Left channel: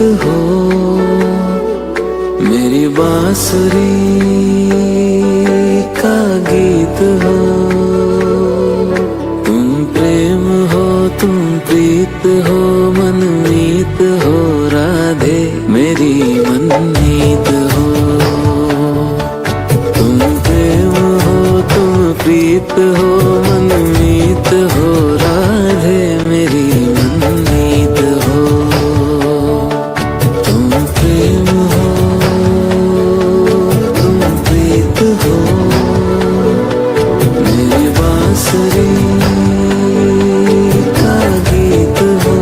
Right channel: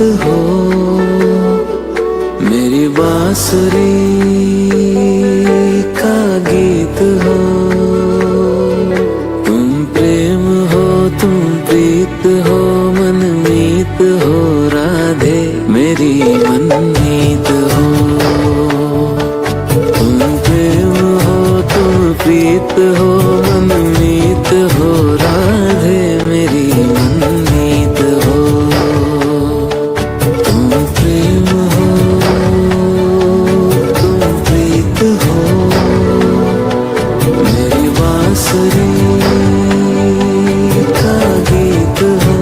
हो, मेरी बांसुरी का गीत हो। तुम प्रेम हो, तुम प्रीत हो, मनमीत हो राधे मेरी मनमीत हो। तुम प्रेम हो, तुम प्रीत हो, मनमीत हो राधे मेरी मनमीत हो। तुम प्रेम हो, तुम प्रीत हो, मेरी बांसुरी का गीत हो।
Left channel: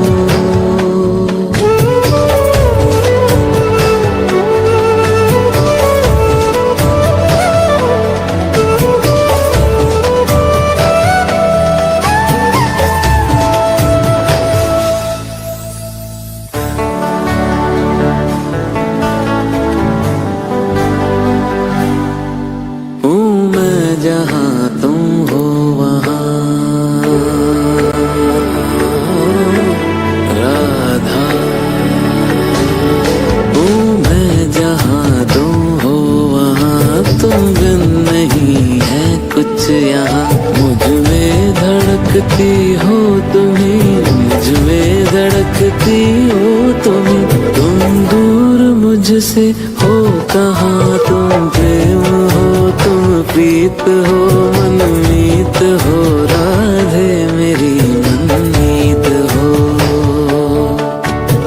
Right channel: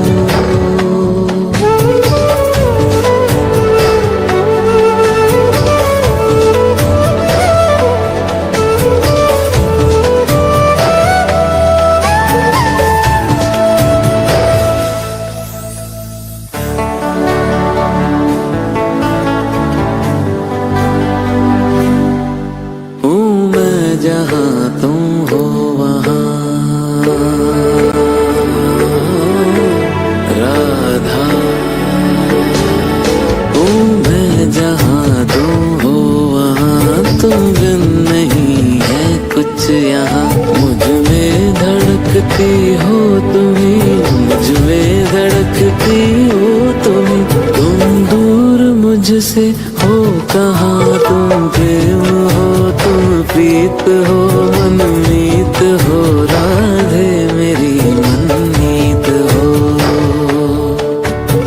जहाँ तुम हो वहाँ राधा हूँ मैं, जहाँ तुम हो वहाँ तुम बिन नहीं है कुछ यहाँ। मुझ में धड़कती हो तुम्ही, मुझ में धड़कती हो तुम्ही। तुम दूर मुझसे हो कहाँ, तुम प्रेम हो, तुम प्रीत हो, मनमीत हो राधे मेरी मनमीत हो।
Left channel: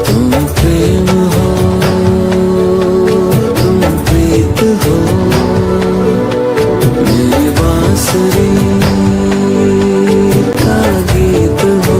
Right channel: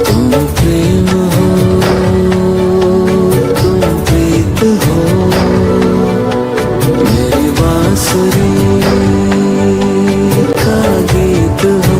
तुम प्रेम हो, तुम प्रीत हो, मेरी बांसुरी का गीत हो।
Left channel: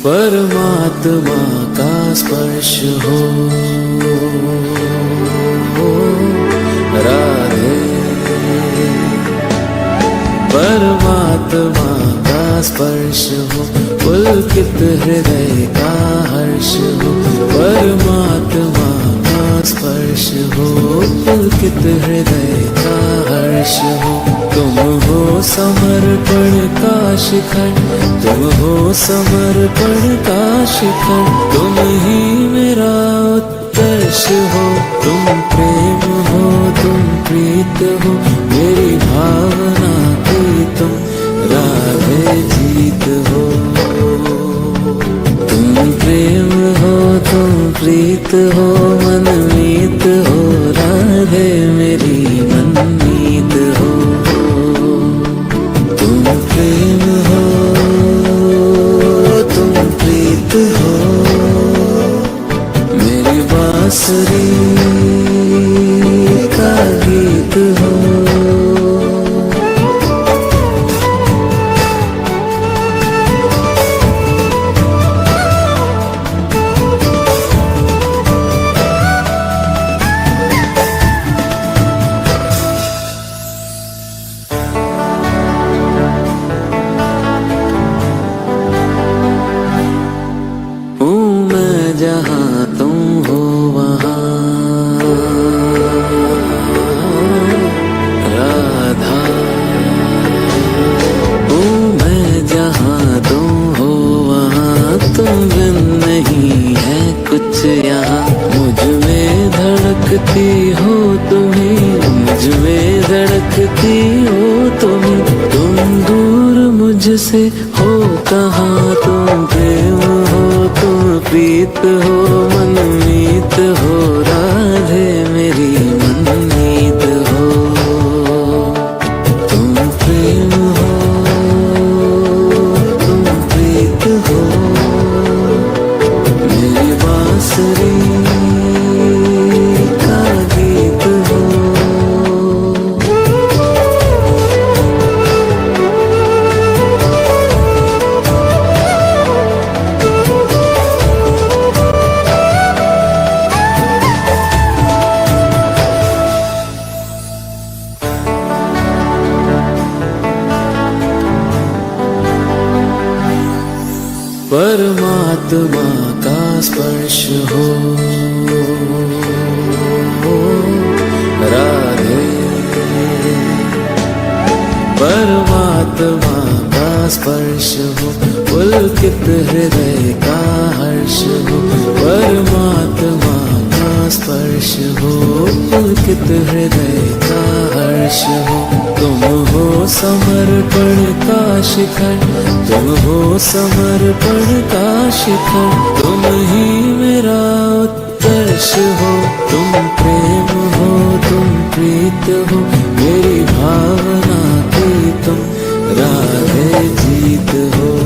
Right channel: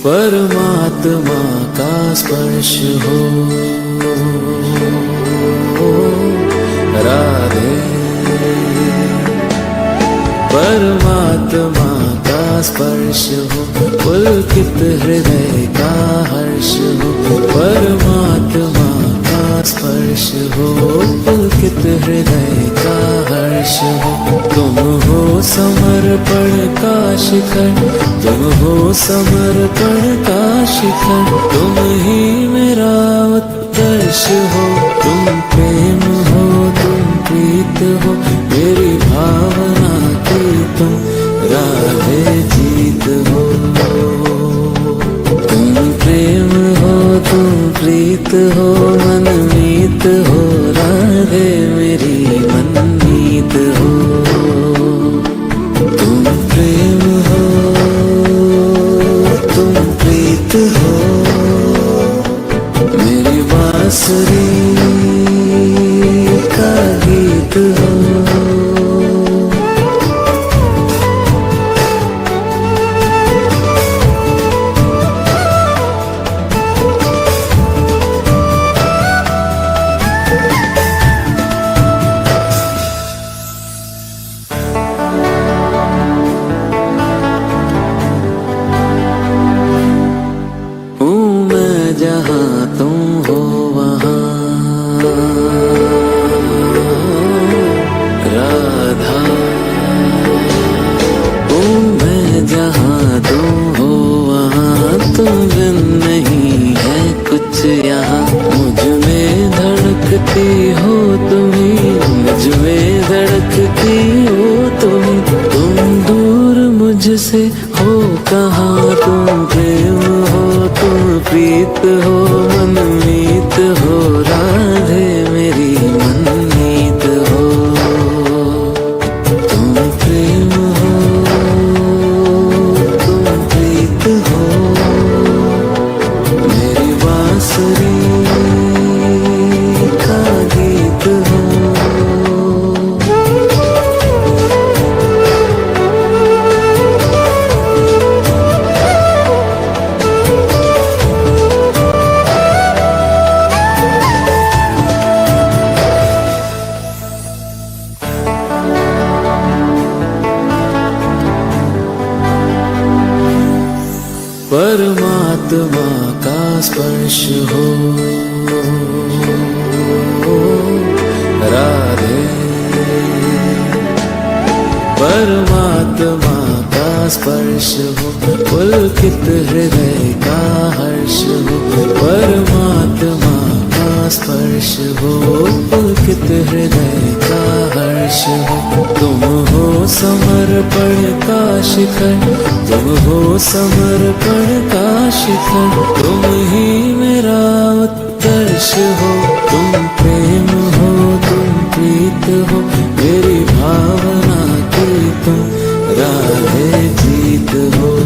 परमात्मा का स्पर्श हो राधे, परमात्मा का स्पर्श हो, पुलकित हृदय का हर्ष हो। परमात्मा का स्पर्श हो, पुलकित हृदय का हर्ष हो। तुम हो समर्पण का शिखर, तुम हो समर्पण का शिखर, तुम ही मेरा उत्कर्ष हो। तुम प्रेम हो, तुम प्रीत हो, मेरी भावना की तुम राधे जीत हो। तुम प्रेम हो, तुम प्रीत हो, मनमीत हो राधे मेरी मनमीत हो। तुम प्रेम हो, तुम प्रीत हो, मेरी बांसुरी का गीत हो। जहाँ तुम हो वहाँ राधा हूँ मैं, जहाँ तुम हो वहाँ तुम बिन नहीं है कुछ यहाँ। मुझ में धड़कती हो तुम्ही, मुझ में धड़कती हो तुम्ही। तुम दूर मुझसे हो कहाँ, तुम प्रेम हो, तुम प्रीत हो, मनमीत हो राधे मेरी मनमीत हो। तुम प्रेम हो, तुम प्रीत हो, मेरी बांसुरी का गीत हो। परमात्मा का स्पर्श हो राधे। परमात्मा का स्पर्श हो, पुलकित हृदय का हर्ष हो। परमात्मा का स्पर्श हो, पुलकित हृदय का हर्ष हो। तुम हो समर्पण का शिखर, तुम हो समर्पण का शिखर। तुम ही मेरा उत्कर्ष हो, तुम प्रेम हो, तुम प्रीत हो। मेरी भावना की तुम राधे जीत हो।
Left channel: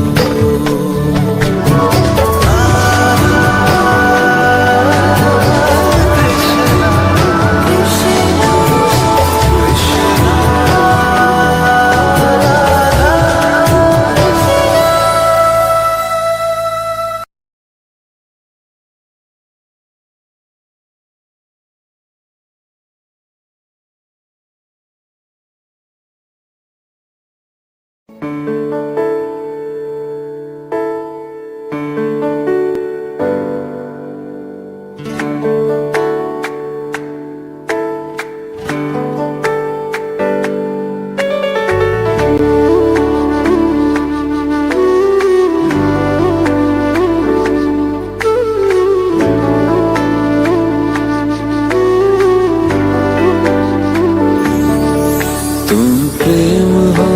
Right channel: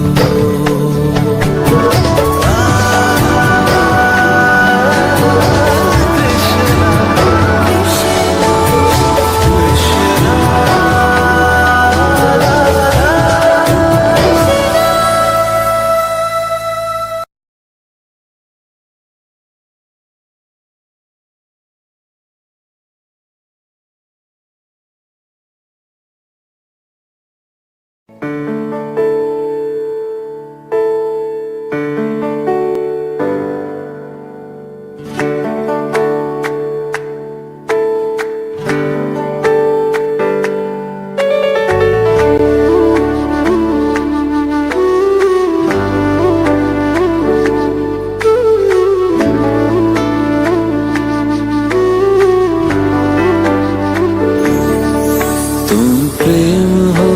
तुम प्रेम हो,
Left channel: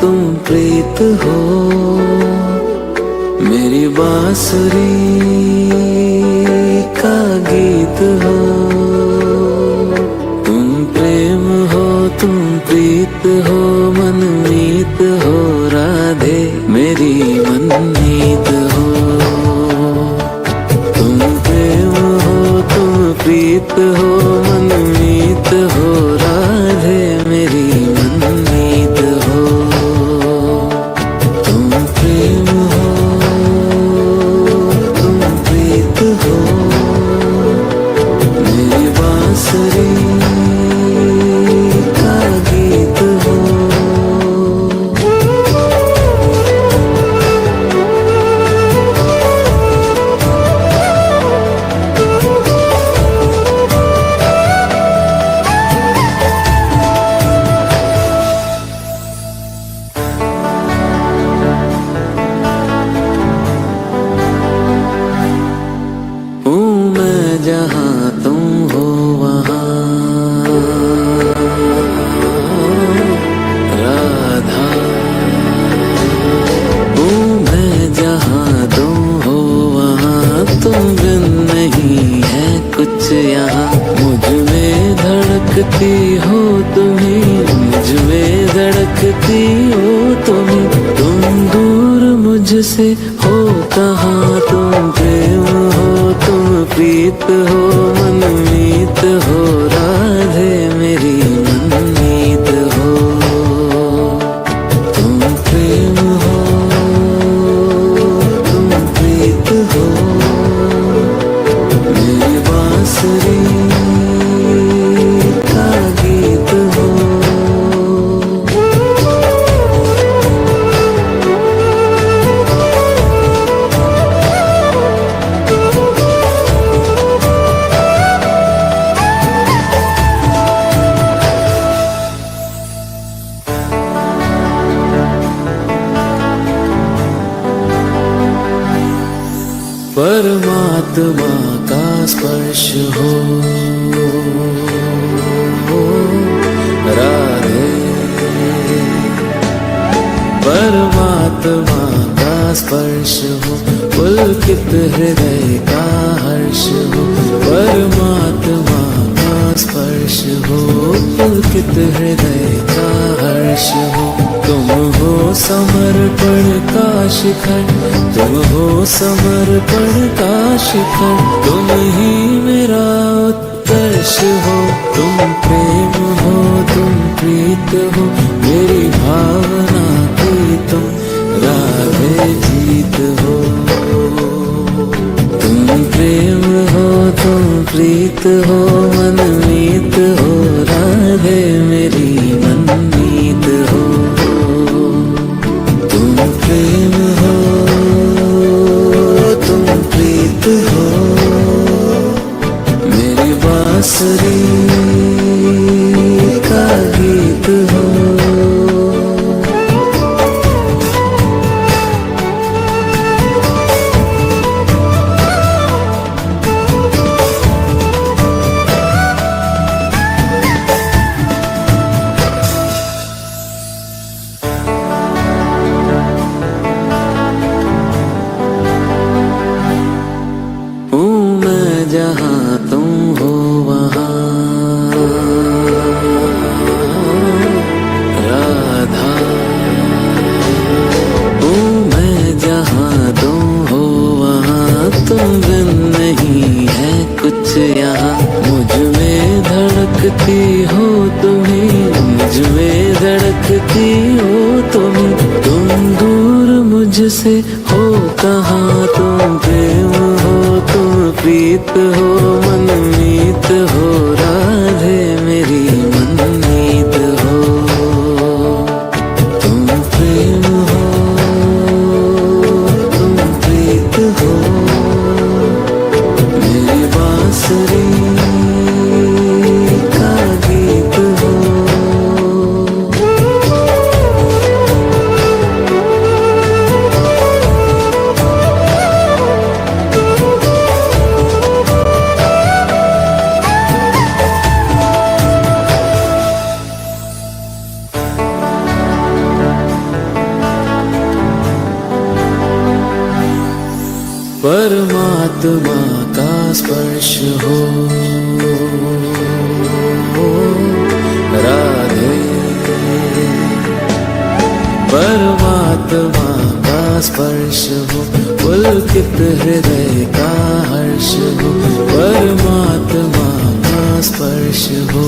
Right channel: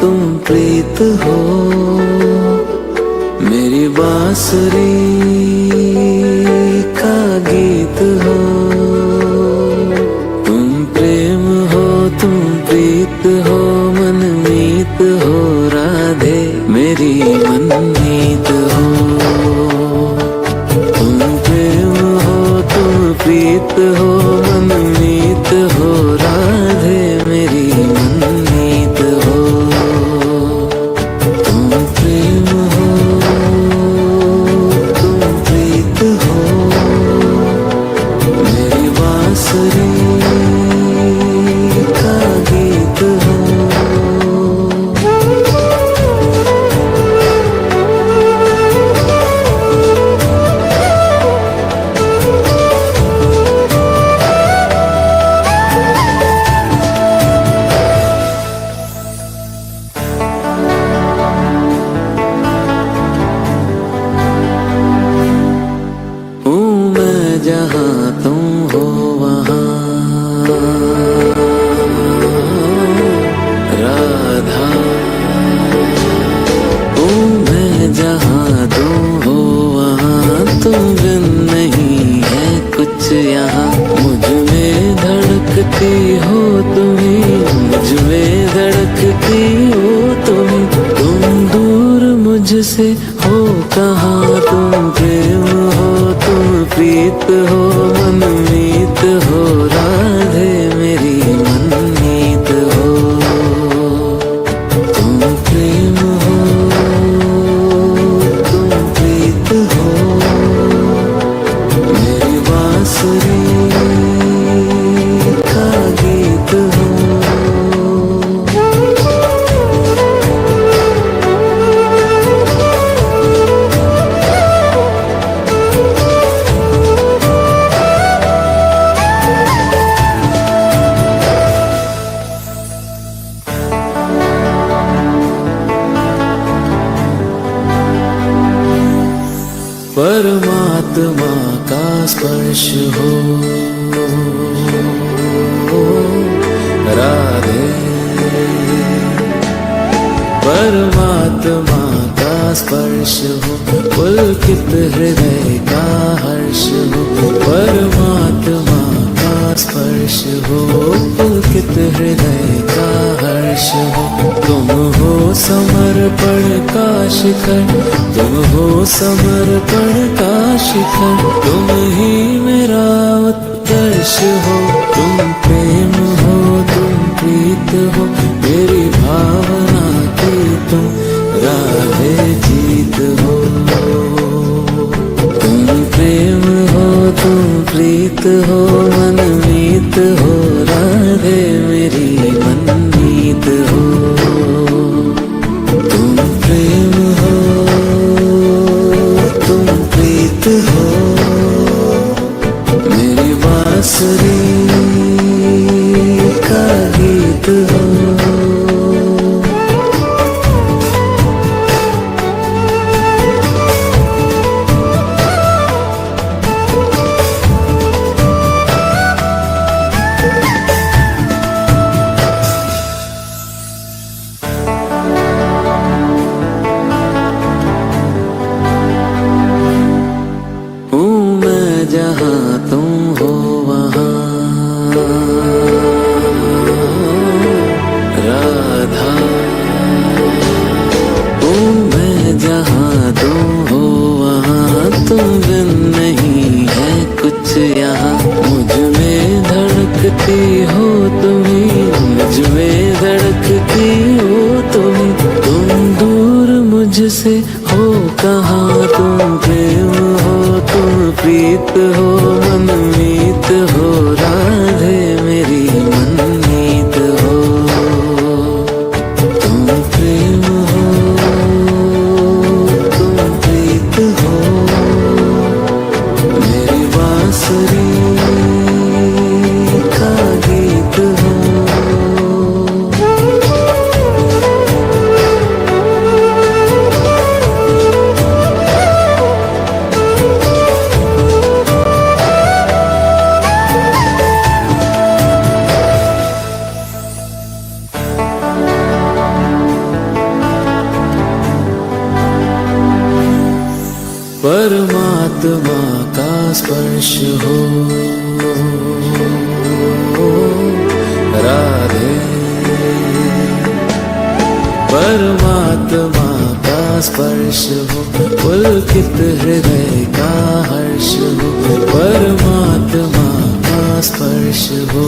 तुम प्रीत हो। मेरी बांसुरी का गीत हो। तुम प्रेम हो, तुम प्रीत हो। मनमीत हो राधे, मेरी मनमीत हो। तुम प्रेम हो, तुम प्रीत हो। मनमीत हो राधे, मेरी मनमीत हो। तुम प्रेम हो, तुम प्रीत हो। मेरी बांसुरी का गीत हो। जहाँ तुम हो वहाँ राधा हूँ मैं। जहाँ तुम हो वहाँ तुम बिन नहीं है कुछ यहाँ। मुझ में धड़कती हो तुम्ही, मुझ में धड़कती हो तुम्ही। तुम दूर मुझसे हो कहाँ। तुम प्रेम हो, तुम प्रीत हो। मनमीत हो राधे, मेरी मनमीत हो। तुम प्रेम हो, तुम प्रीत हो। मेरी बांसुरी का गीत हो। परमात्मा का स्पर्श हो राधे। परमात्मा का स्पर्श हो, पुलकित हृदय का हर्ष हो। परमात्मा का स्पर्श हो, पुलकित हृदय का हर्ष हो। तुम हो समर्पण का शिखर, तुम हो समर्पण का शिखर। तुम ही मेरा उत्कर्ष हो, तुम प्रेम हो, तुम प्रीत हो। मेरी भावना की तुम राधे जीत हो। तुम प्रेम हो, तुम प्रीत हो। मनमीत हो राधे, मेरी मनमीत हो। तुम प्रेम हो, का गीत हो। जहाँ तुम हो वहाँ राधा हूँ मैं, जहाँ तुम हो वहाँ तुम बिन नहीं है कुछ यहाँ। मुझ में धड़कती हो तुम्ही, मुझ में धड़कती हो तुम्ही, तुम दूर मुझसे हो कहाँ। तुम प्रेम हो, तुम प्रीत हो, मनमीत हो, राधे मेरी मनमीत हो। तुम प्रेम हो, तुम प्रीत हो, मेरी बांसुरी का गीत हो। परमात्मा का स्पर्श हो राधे, परमात्मा का स्पर्श हो, पुलकित हृदय का हर्ष हो। परमात्मा का स्पर्श हो,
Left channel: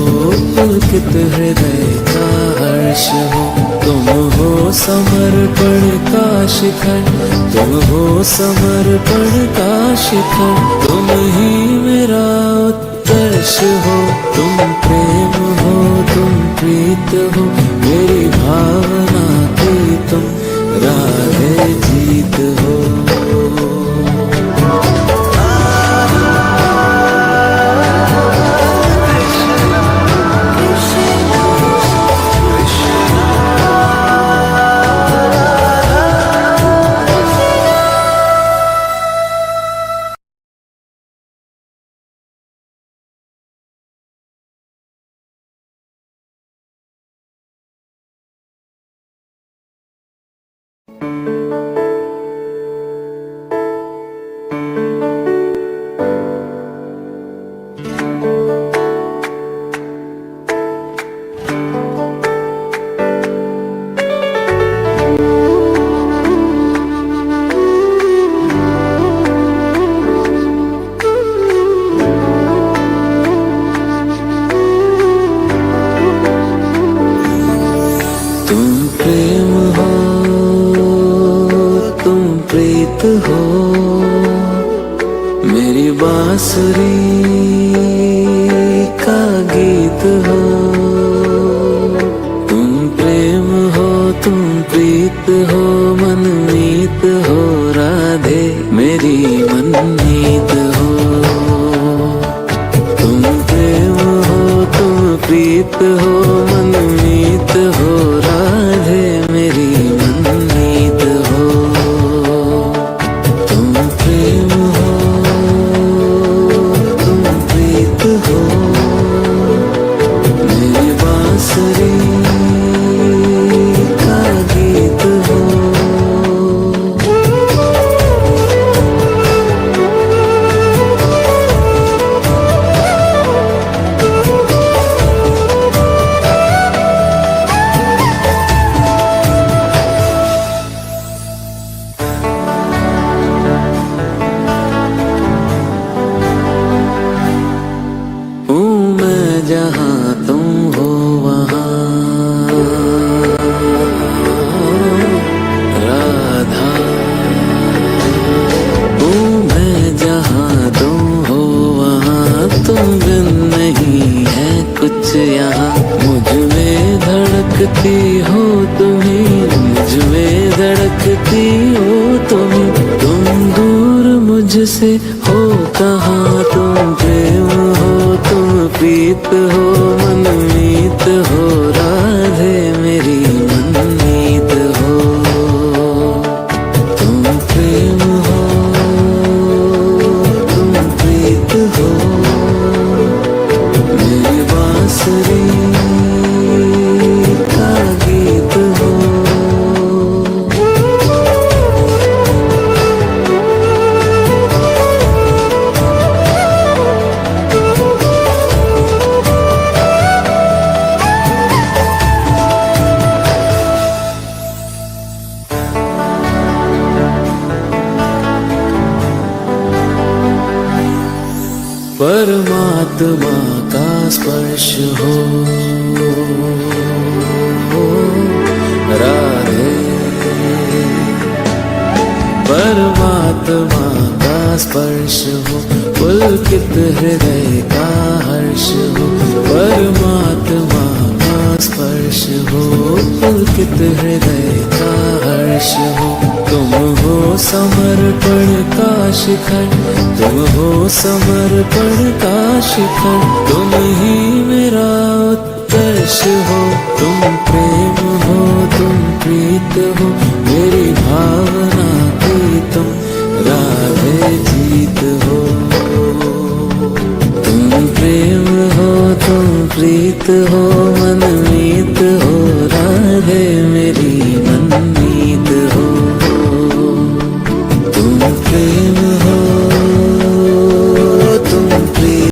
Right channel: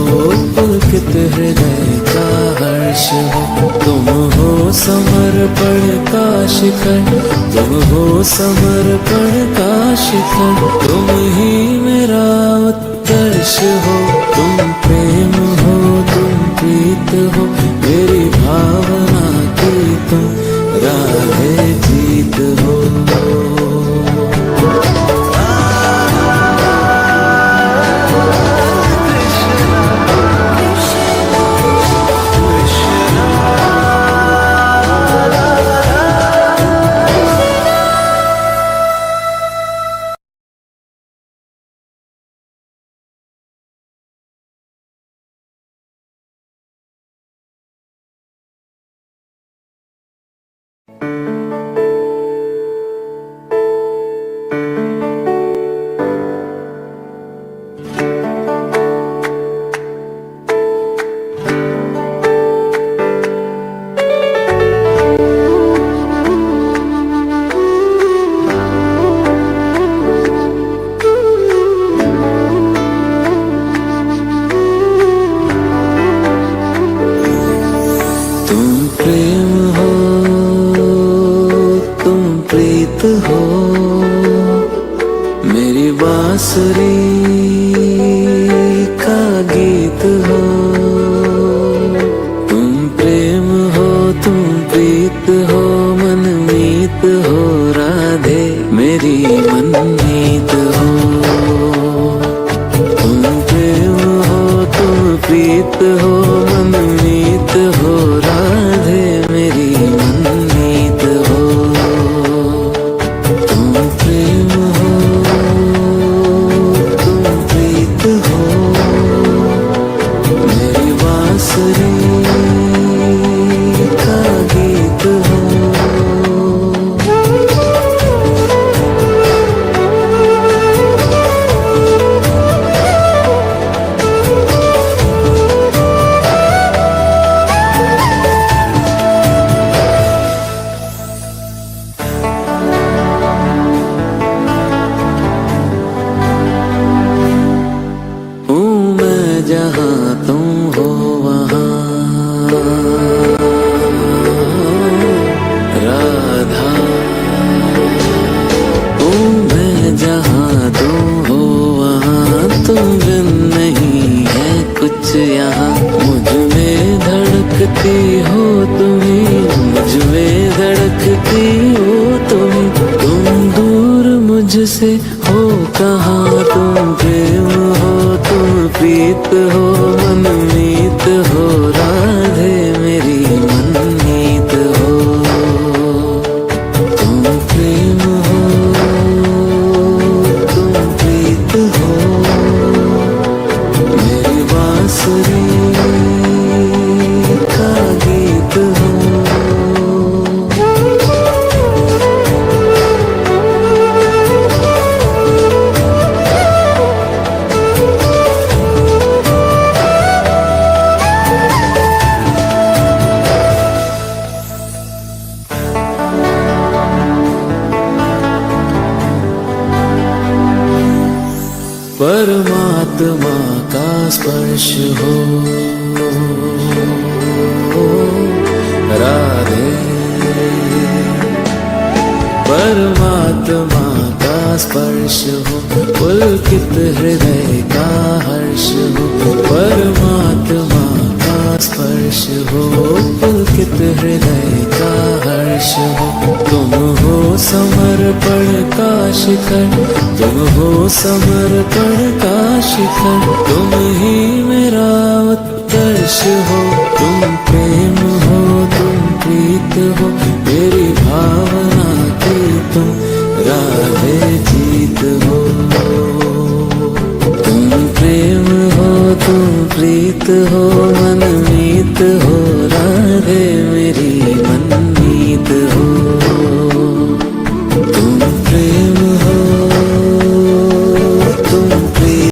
पुलकित हृदय का हर्ष हो। तुम हो समर्पण का शिखर, तुम हो समर्पण का शिखर, तुम ही मेरा उत्कर्ष हो। तुम प्रेम हो, तुम प्रीत हो, मेरी भावना की तुम राधे जीत हो। तुम प्रेम हो, तुम प्रीत हो, मेरी बांसुरी का गीत हो। तुम प्रेम हो, तुम प्रीत हो, मनमीत हो, राधे मेरी मनमीत हो। तुम प्रेम हो, तुम प्रीत हो, मनमीत हो, राधे मेरी मनमीत हो। तुम प्रेम हो, तुम प्रीत हो, मेरी बांसुरी का गीत हो। जहाँ तुम हो वहाँ राधा हूँ मैं, जहाँ तुम हो वहाँ तुम बिन नहीं है कुछ यहाँ। मुझ में धड़कती हो तुम्ही, मुझ में धड़कती हो तुम्ही, तुम दूर मुझसे हो कहाँ। तुम प्रेम हो, तुम प्रीत हो, मनमीत हो राधे मेरी मनमीत हो। तुम प्रेम हो, तुम प्रीत हो, मेरी बांसुरी का गीत हो। परमात्मा का स्पर्श हो राधे, परमात्मा का स्पर्श हो, पुलकित हृदय का हर्ष हो। परमात्मा का स्पर्श हो, पुलकित हृदय का हर्ष हो। तुम हो समर्पण का शिखर, तुम हो समर्पण का शिखर, तुम ही मेरा उत्कर्ष हो। तुम प्रेम हो, तुम प्रीत हो, मेरी भावना की तुम राधे जीत हो। तुम प्रेम हो, तुम प्रीत हो, मनमीत हो राधे